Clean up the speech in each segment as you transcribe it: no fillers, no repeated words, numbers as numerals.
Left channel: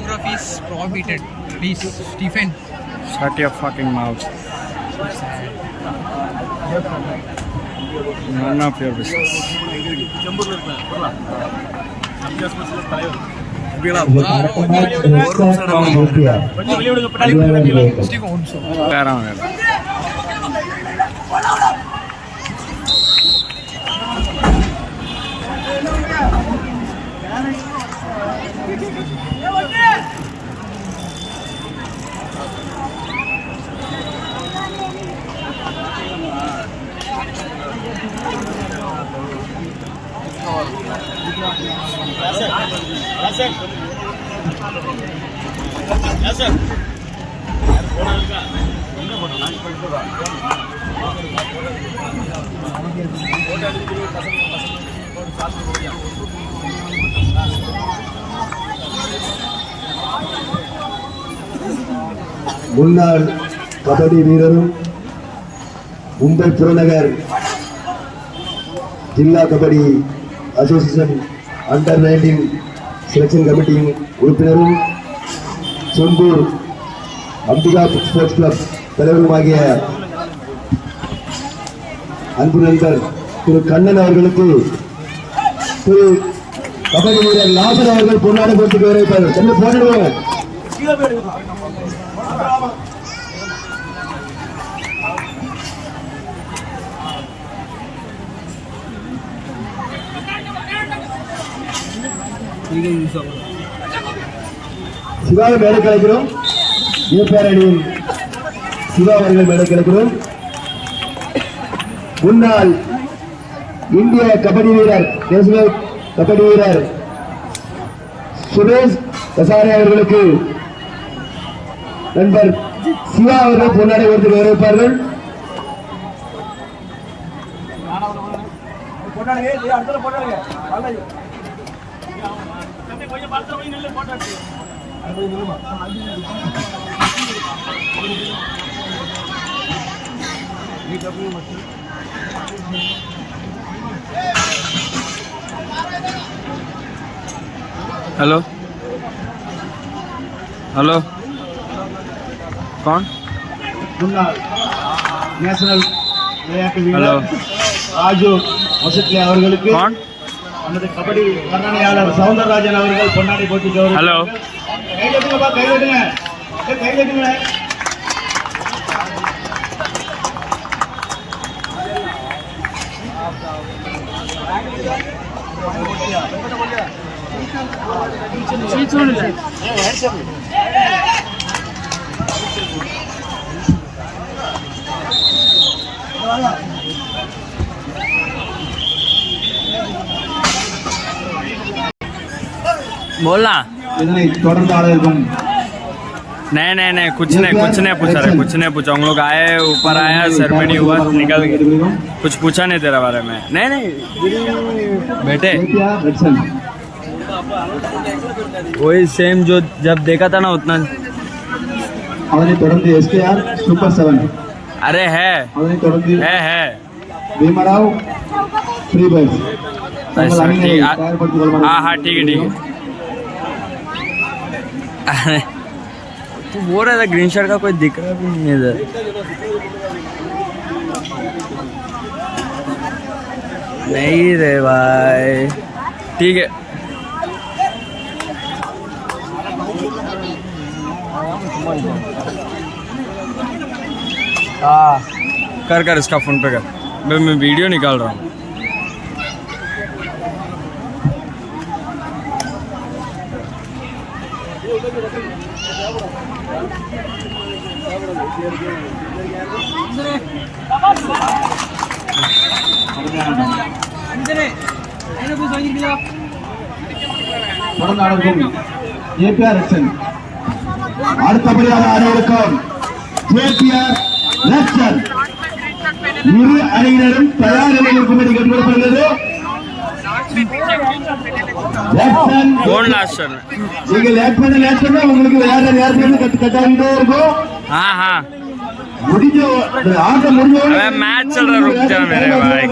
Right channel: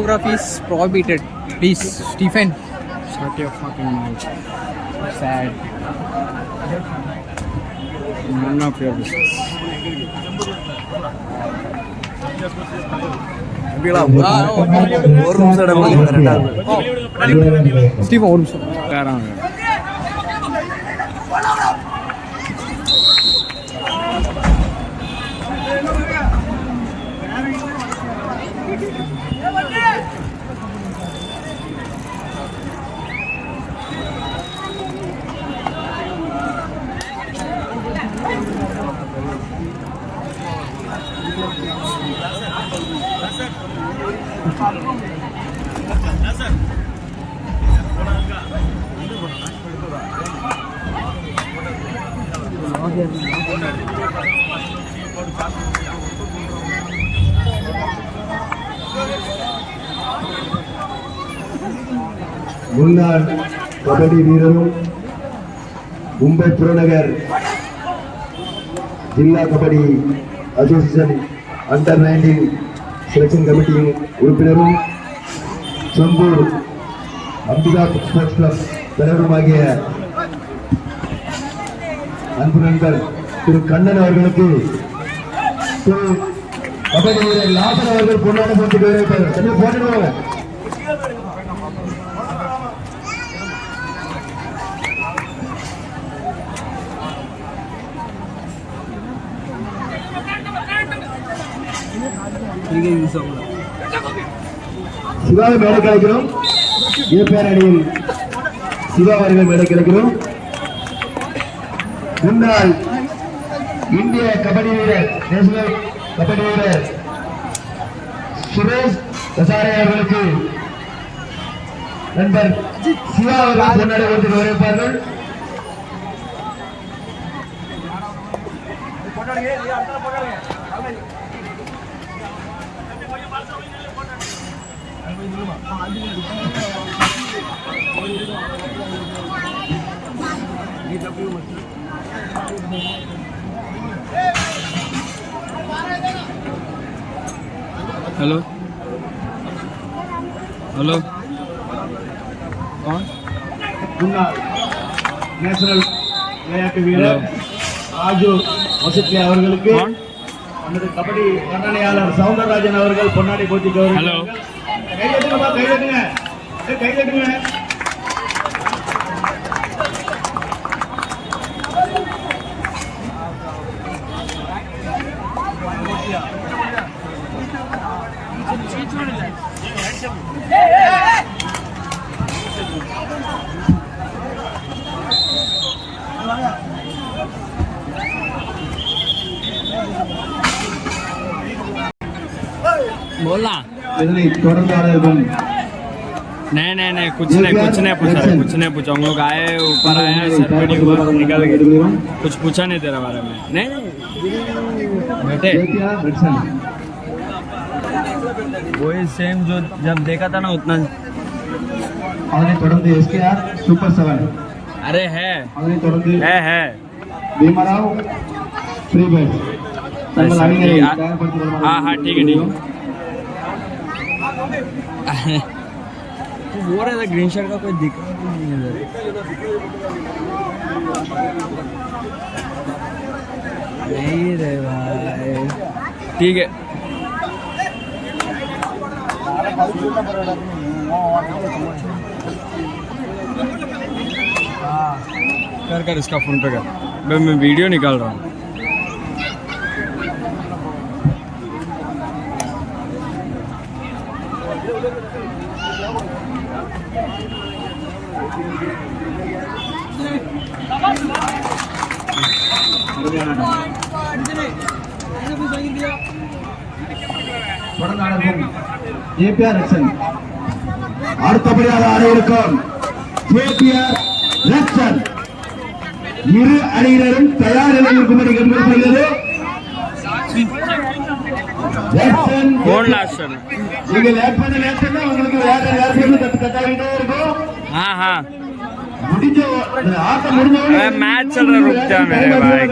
photography is prohibited. Please, Stephen. Shut your fucking mouth. Sad. None of your business. Stephen, ஒரு நிமிஷம். முன்னாள் கபடி வீரரும் மும்பை புறநகர் ஜில்லா கபடி அசோசியேஷன் அண்டர் 19 செலக்ஷன் கமிட்டியின் உறுப்பினரும் செம்பூர் அம்பிகா ஸ்போர்ட்ஸ் கிளப் தலைவருமாகிய அன்பு நண்பர் திரு கண்ணன் அவர்களுக்கு திரு கபடி வீரர் லாபன் அவர்கள் பொன்னாடி போட்டுக்கு வரவேற்பார்கள். சென்று போனிடுவாங்க. சிவாவை மேடை கிடைக்கிறோம். ஏற்பார் அணியில் சிவா அவர்கள் மேடை கிடைக்கிறோம். முன்னாள் இந்திய கபடி வீரர் நேஷனல் கபடி வீரர் சுரேஷ் கசாரே அவர்களுக்கு நண்பர் சிவா அவர்கள் முன்னாடி ஒருத்தர் வரவேற்பார்கள். हेलो हेलो कौन முன்னாள் நேஷனல் விளையாட்டு வீரர் ராஜு வசத்லே அவர்களுக்கு कौन நமது கபடி வர்ணனையாளர் சவுந்தரராஜன் அவர்கள் பொன்னாடை போட்டி हेलो கையெழுத்துங்க. बोलना இதனை தொடர்பாளர்கள் नहीं कुछ नहीं पूछा रहे कुछ नहीं पूछा. हम लोग आए ऊपर आया सेरेमनी हुआ निकल गए. कुछ पूछा नहीं तेरा बारे में. नहीं बेटे वही सेम जो जब देखा था ना उतना. அதனை தொடர்ந்து SKR சூப்பர் 7 अरे है அதனை தொடர்ந்து भीमराव फ्री बस. ऐसा ठीक. हाँ ठीक है तू बोल रहा था ग्रीन शर्ट का कोई दिख रहा भी नहीं इधर. नहीं रे भाई ठीक है. कर इसका फोन पे कर. मैं वीडियो निकाल रहा हूँ. APR Action அடுத்தபடியாக ஆடியிருக்கும் APR Action இரு அணியினரும் தயார் நிலையில் இருக்கும்படி கேட்டுக்கொள்ளப்படுகிறது. कौन लास्ट रन நீங்கள் லேட் பண்ணா உங்களுக்கு வேற நேரத்துல கட்டாகிட்டே இருக்கும். हाँ முடிஞ்ச ஆட்டம் முடிஞ்ச अबे मैच चल रहा रुक जा मेरे भाई.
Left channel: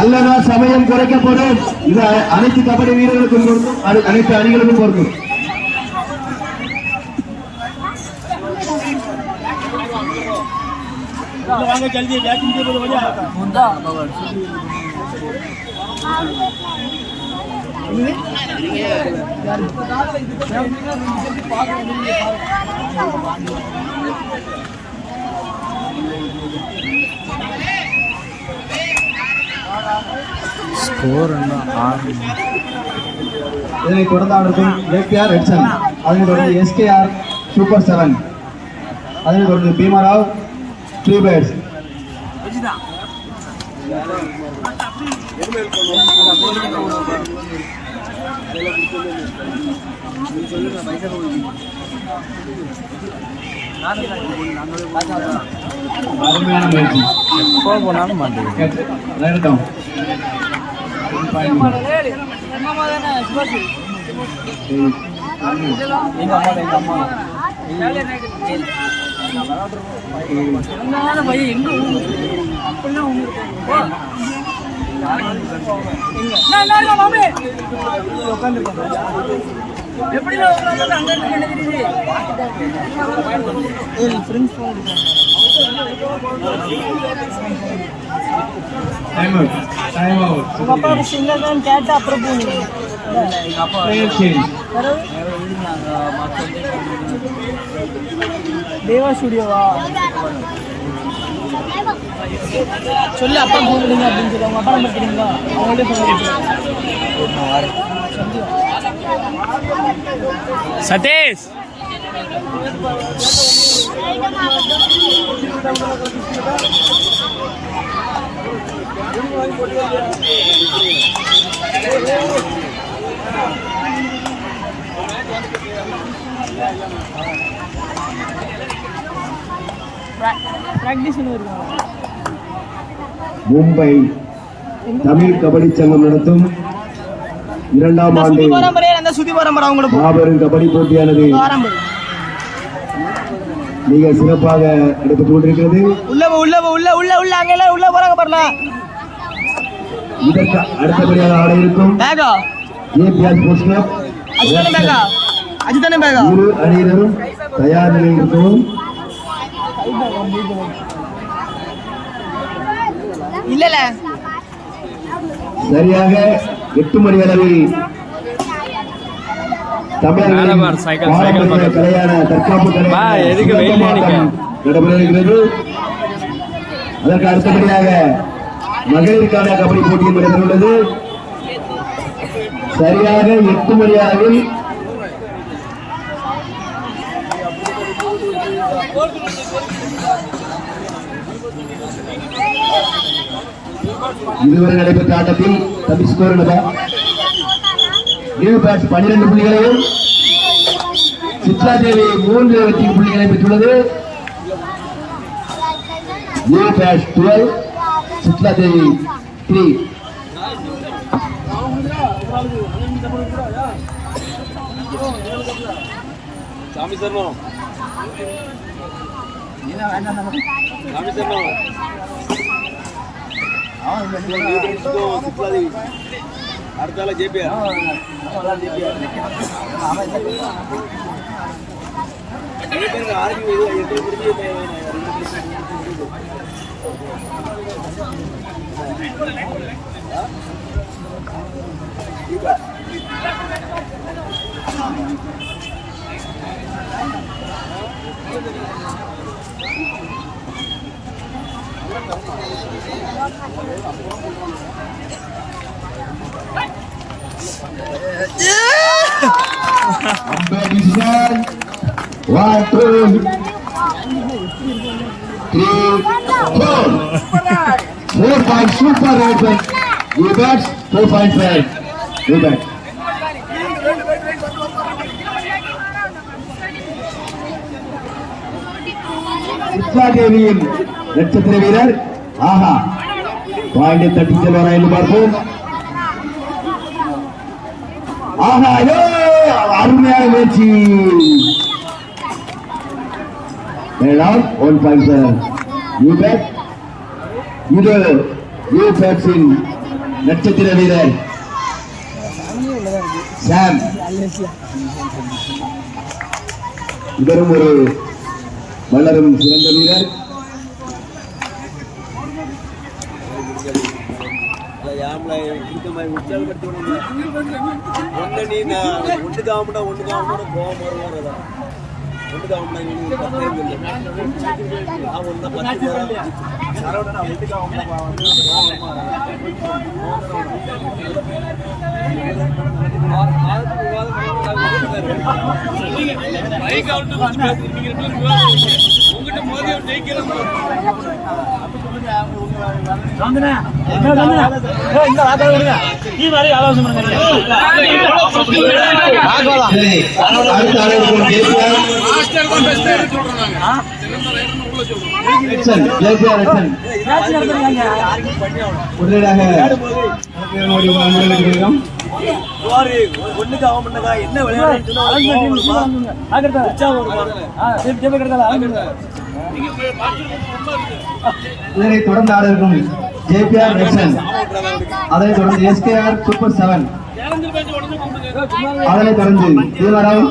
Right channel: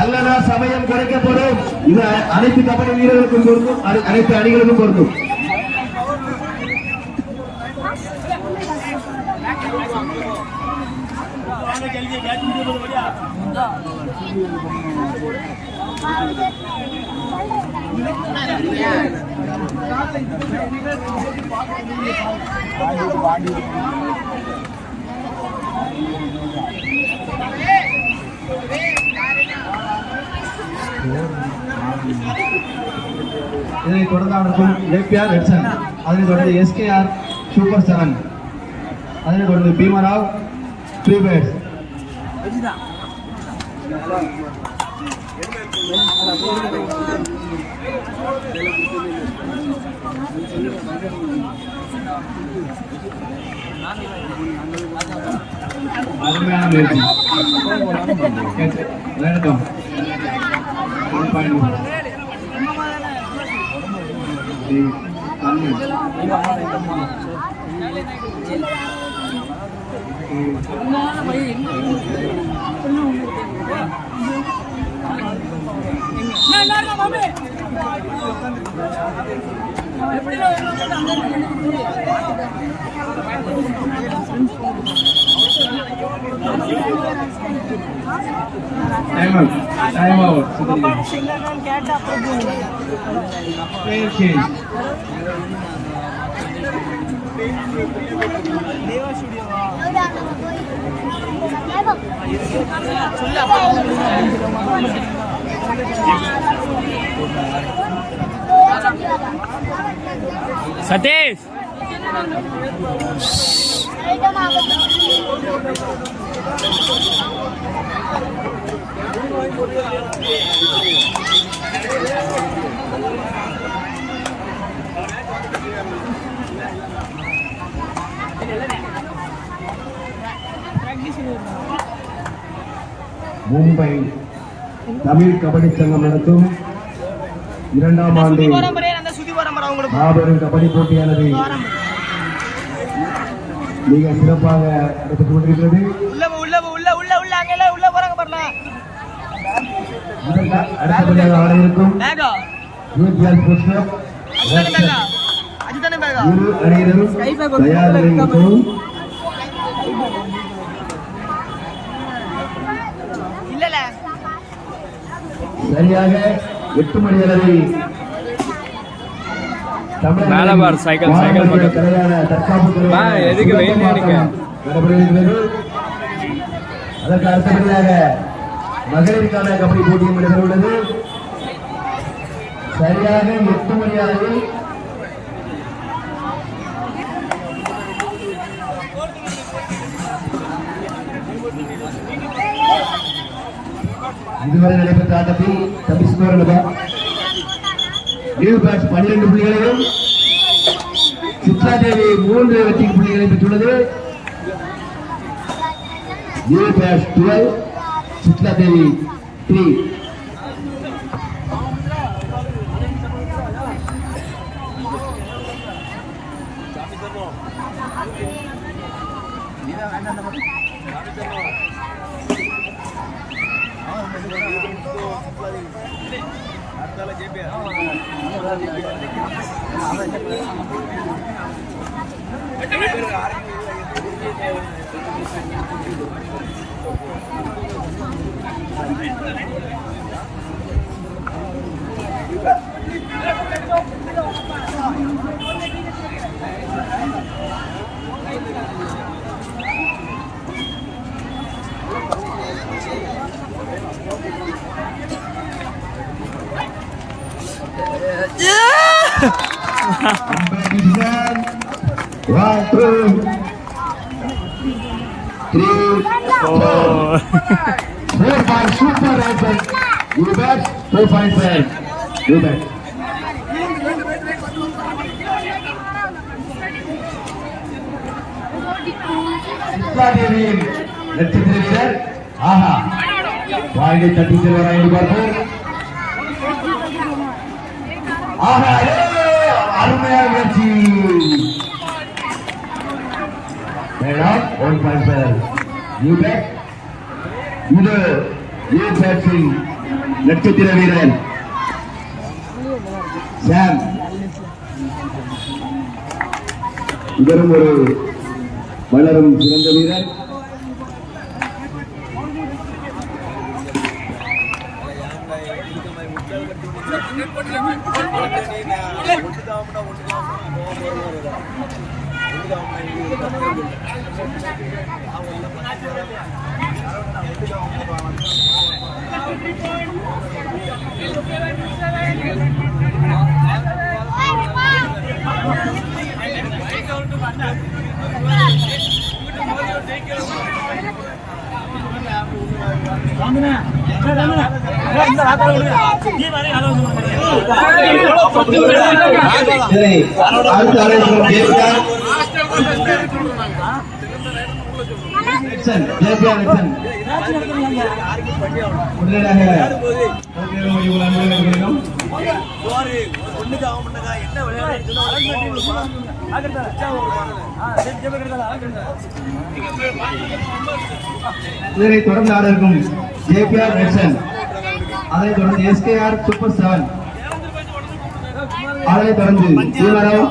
அல்லனா சமயம் குறைக்கப்படும். இது அனைத்து கபடி வீரர்களுக்கும் பொருந்தும், அனைத்து அணிகளுக்கும் பொருந்தும். ஸ்கோர் இதனை தொடர்ந்து ஏபிஆர் எட்சன், அதனை தொடர்ந்து எஸ்கேஆர் சூப்பர் 7, அதனை தொடர்ந்து பீமாராவ் 3 பேட்ஸ். அருமையான முயற்சி. எப்போ போனாலும் மாட்டேங்குது. Right Time out. Player change. देवा स्टूडियो சொல்லு அப்ப கூப்பிடுங்க அப்படின்னு சொல்லுங்க. சதீஷ் மும்பை தமிழ் கபடி சங்கம் நடத்தும் 2ஆம் ஆண்டு மாபெரும் கபடி போட்டியானது மிக சிறப்பாக நடைபெற்றுக் கொண்டிருக்கிறது. இதற்கு அடுத்தபடியாக ஆட இருக்கும் ஏபிஆர் ஸ்போர்ட்ஸ் கிளப் இரு அணியினரும் தயார் நிலையில் இருக்கவும். சரியாக 8 மணி அளவில் மேல பார் சைக்கிள் பக்கத்துல வா, எதுக்கு வெயில்ல நிக்க நடைபெறுகிறது. அதற்கு அடுத்தபடியாக மகளிருக்கான கபடி போட்டியும் நடைபெறுகிறது. சரியாக 8 மணி அளவில் இதுவரை நடைபெற்ற ஆட்டத்தில் தம்பி ஸ்கோர் நியூ பேட்ஸ் 12 புள்ளிகளையும் சித்ரா தேவி 3 வெற்றி புள்ளிகளை பெற்றுள்ளது. நியூ பேட்ஸ் 12, சித்ரா தேவி 3. அடுத்தால JPR Competition 1, 2, 3, 4. 4 super red ball. You bet 4.5. You bet. Chitra தேவியின் நட்சத்திர வீரர் ஆஹா பாயிண்டை தட்டி செல்வாரா என்று பார்ப்போம். ஆஹா அருமையான முயற்சி. 1.7. You bet. இது யூ பேட்ஸின் நட்சத்திர வீரர் சாம். இவரும் ஒரு வளரும் சிறந்த வீரர். இதனை தொடர்ந்து ஆட இருக்கும் ஜேபிஆர் நெக்சன், அதனைத் தொடர்ந்து எஸ்கேஆர் சூப்பர் 7, அதனைத் தொடர்ந்து தீவராவ்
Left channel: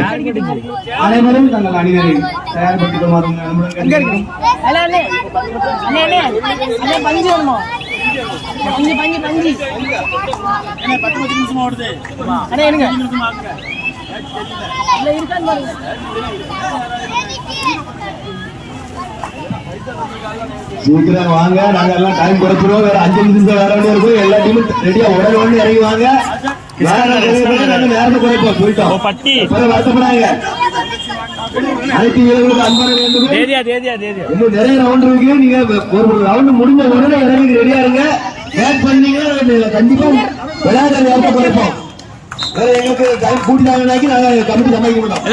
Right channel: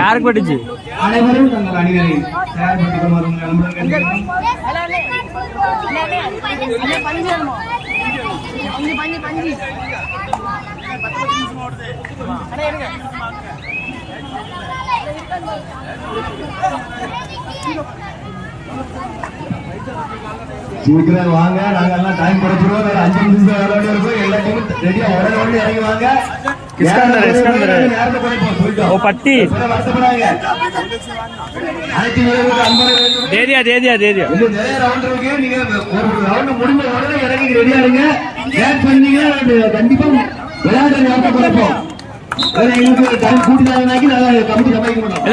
யாருக்கு பட்டுச்சு? அனைவரும் தங்கள் அணிகளை தயார்படுத்திக் கொள்வார்கள் நண்பர்கள். சீக்கிரம் வாங்க, நாங்க எல்லாம் டைம் குறைச்சிருவோம். வேற 5 நிமிஷம் வர வேண்டிய இருக்கும். எல்லா டீமும் ரெடியா உடனே வந்து இறங்கி வாங்க. நேரத்தை குறைப்போம் சொல்லிட்டோம். ஓ பட்டி வருத்தப்படாங்க. அனைத்து வீரர்களுக்கும் அன்பான வேண்டுகோள். தேதியா இன்னும் நிறைய ரவுண்ட் இருக்கு. நீங்க ஒரு ரவுண்ட் முடிஞ்ச உடனே இறங்கி ரெடியா இருங்க. பேட் பண்ணீங்கன்னா கண்டிப்பா விளையாட்டு நேரத்தை குறைப்போம். வேற எங்களுக்கு டைம் கூட்டி தாங்கனாக்கி நாங்க கமிட்டி சமாளிக்க மாட்டோம்.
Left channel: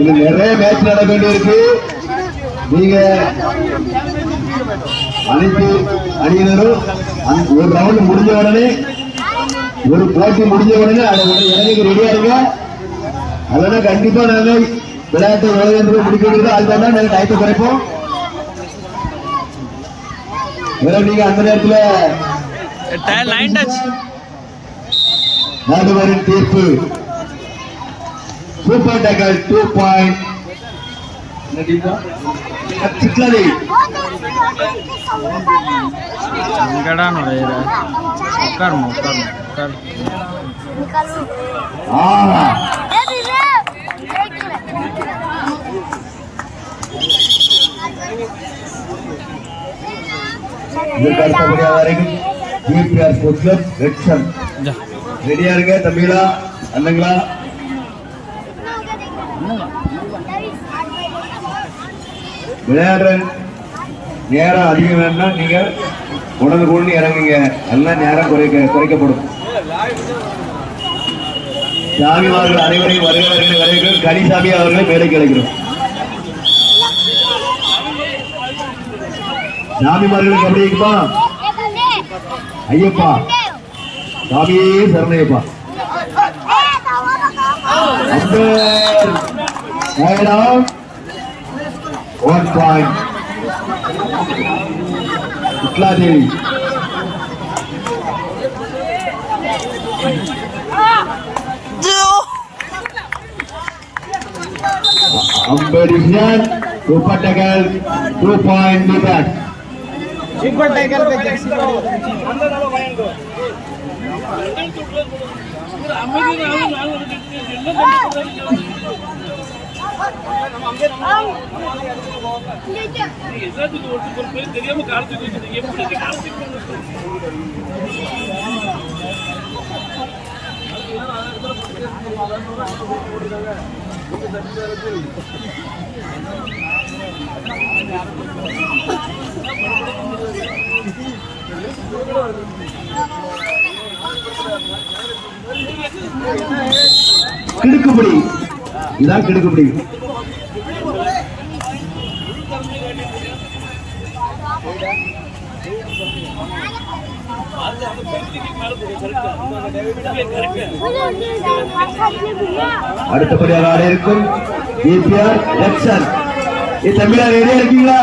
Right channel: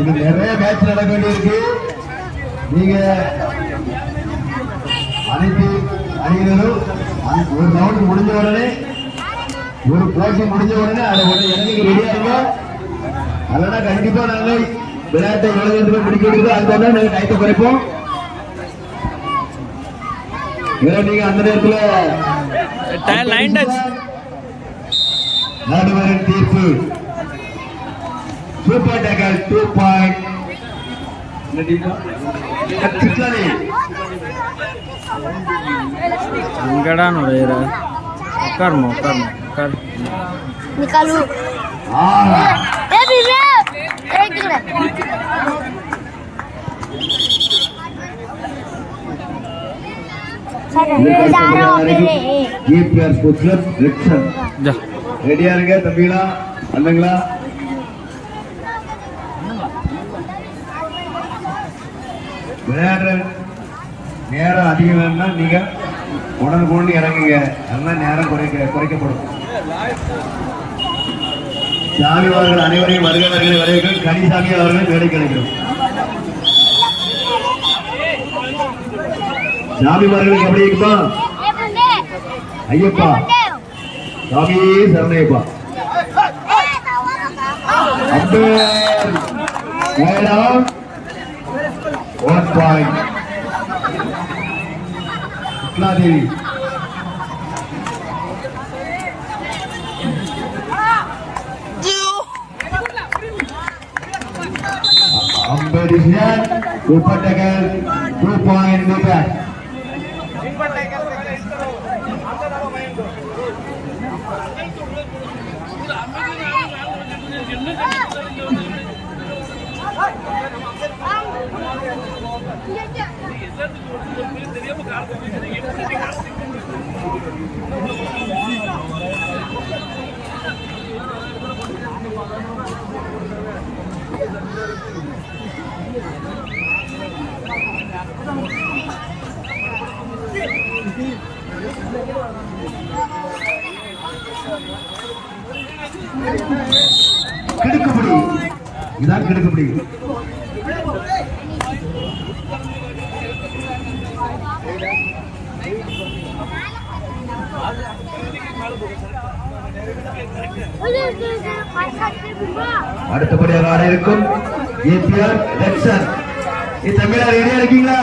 இது நிறைய மேட்ச் நட வேண்டியிருக்கு. நீங்க அனைத்து அணியினரும் ஒரு ரவுண்ட் முடிஞ்ச உடனே, ஒரு போட்டி முடிஞ்ச உடனே அதை இறங்கி ரெடியா இருங்க. அதனால கண்டிப்பா நாங்க விளையாட்டை எவ்வளவு முடிக்க வேண்டியதோ அதுக்கு தான் நாங்க டயத்தை குறைப்போம். நீங்க அந்த நேரத்தில் நடுவரின் தீர்ப்பு சூப்பர் டேக்கர் 2 பாயிண்ட் எங்கடா நுழையிற? உட்காருமா உட்காரு. ரெடியா இருங்க தம்பிகளா, அண்ணங்களா. விளையாடுற நேரம் அதிகம் வேணும்னா நீங்க உடனுக்குடன் இறங்குங்க. எல்லாம் நேரம் குறைக்கப்படும். சாமி அவர்கள் அனைவரையும் வருகிறார்கள். கனிசாமி அவர்கள் வேலைக்கு அழைக்கிறோம். சாமிமார்களுக்கு எப்படி இருக்குப்பா? ஐயப்பா சாமியே சரணையப்பா. 1 point இஸ்லாதேவி. Competition Super Tackle 2 point meter. Super Tackle पे जैसी கிடுக்குப்படி, இதான் கிடுக்குப்படி. அடுத்தபடியாக ஆட இருக்கும் ஏபிஆர் லக்ஷன். தமிழா ரெடியா இருக்கீங்களா?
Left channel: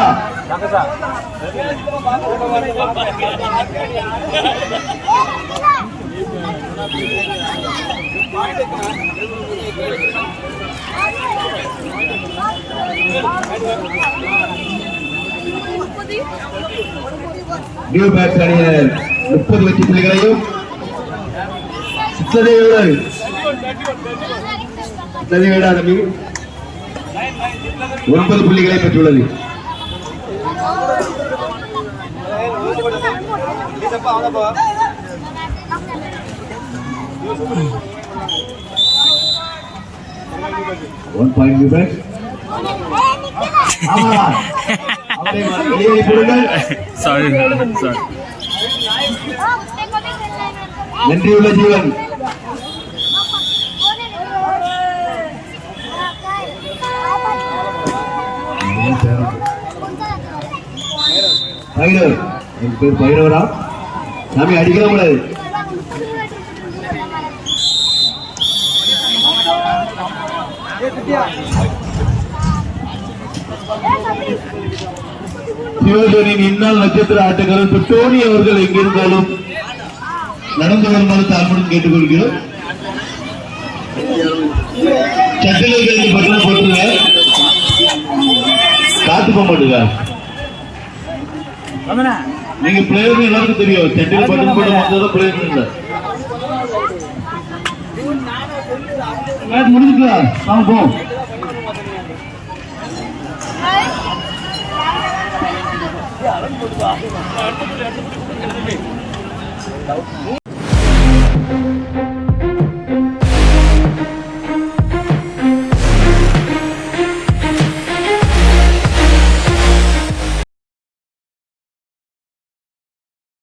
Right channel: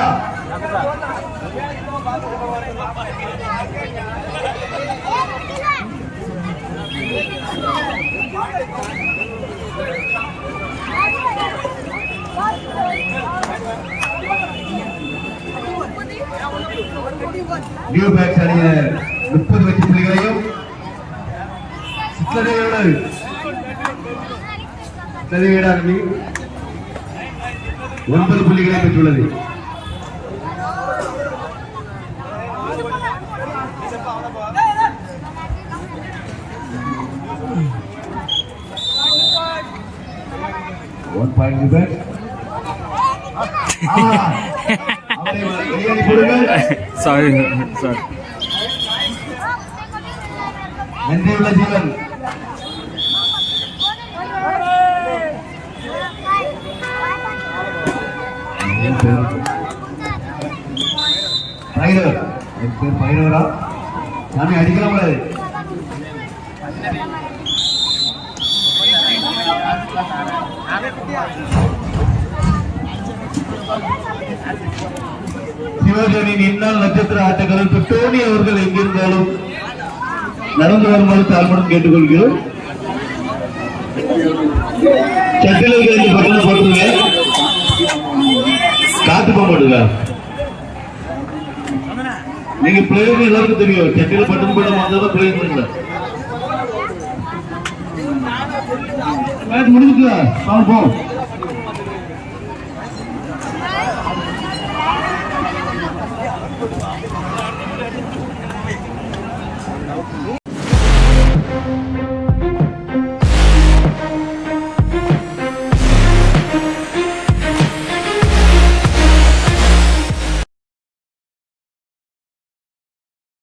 நியூ பேட்ஸ் அணியினர் 30 வெற்றி புள்ளிகளையும் சித்ததேவியோடு 9 புள்ளிகளை பெற்றுள்ளது. Sorry sorry. நன்றியுள்ள ஜீவன். பேர் பைரவரா? சாமி அடிக்க கூடாது. சிவகரின் இந்நாள் நட்சத்திர ஆட்டக்காரர் டோனி அவர்கள் எங்கிருந்தாலும் நடந்து வருமாறு தாழ்மையுடன் கேட்டுக்கொள்கிறோம். சட்டிலை கழிந்து பட்டம் போட்டுருங்க. காத்து போக மாட்டுங்க. நீங்க பிளேயர் எல்லாருக்கும் தெரியும். சட்டில பட்டன் போட மாட்டதான் பிளேயர் முடிஞ்சுக்கலாம். வாங்க போ.